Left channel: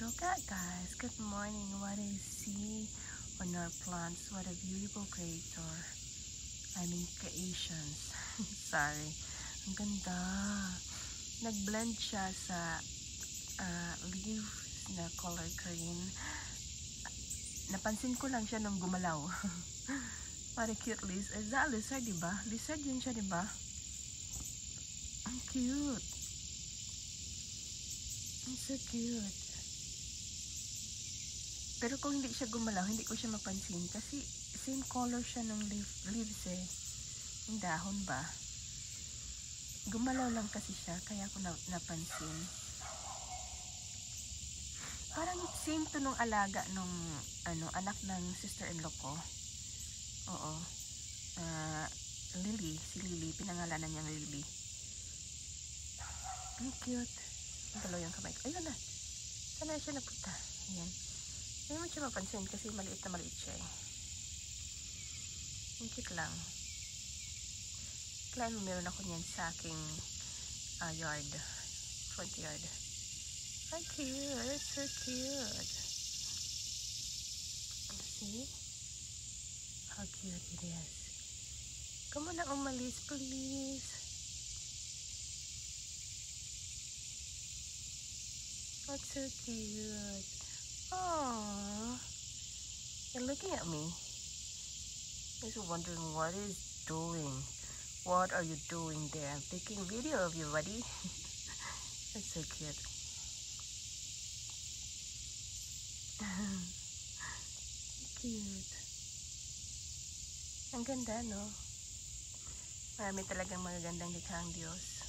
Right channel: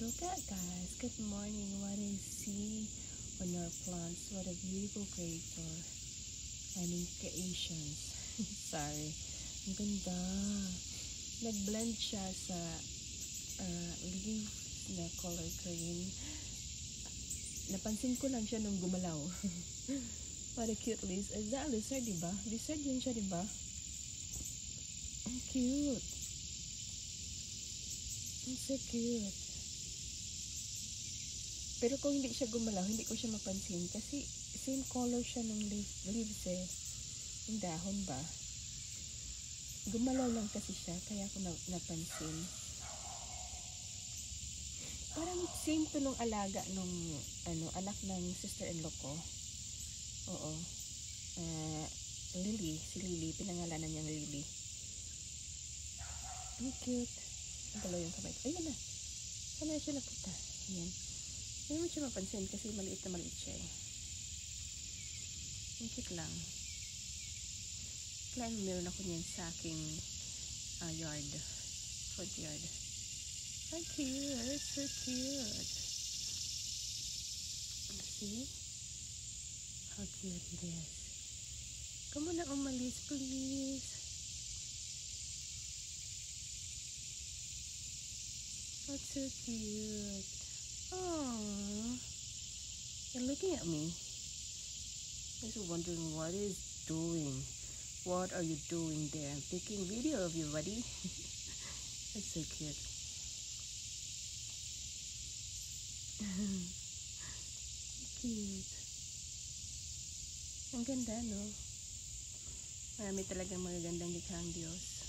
Look at guys, good morning. What I see on our plants, what a beautiful creator. I mean creations. Sorry. Ang ganda. Nag-blend siya sa leaves na color green. Napansin ko lang siya nung gumalaw. What a cute lizard. Is that a lizard, diba? Lizard yun siya, diba? Ang cute. It's so cute. Pero kung hindi siya gumalaw, hindi ko siya mapansin. Kasi same color siya ng leaves eh. Yung dahon ba? Gumalaw lang kasi siya, kaya ko napansin. Parang same to nung alaga nung anak ng sister-in-law ko. Oo. Lily. Si Lily. Pinangalanan niyang Lily. Ang cute. Ang dalaw yung kamay ko. Ayun na. Saan na siya napunta? Ayan. Hindi mo siya mapansin kasi maliit na maliit siya eh. Ang cute lang. Kailan meron ako niyan sa aking yard. Front yard. How cute. It's so cute. See? How cute it is. Come on na umalis, please. That's so cute. Aww. You're looking at me. You're wondering what is doing. What are you doing there? I'm taking a video of you, buddy. That's so cute. Cute. Ang ganda, no? Marami talagang magagandang likhang Diyos.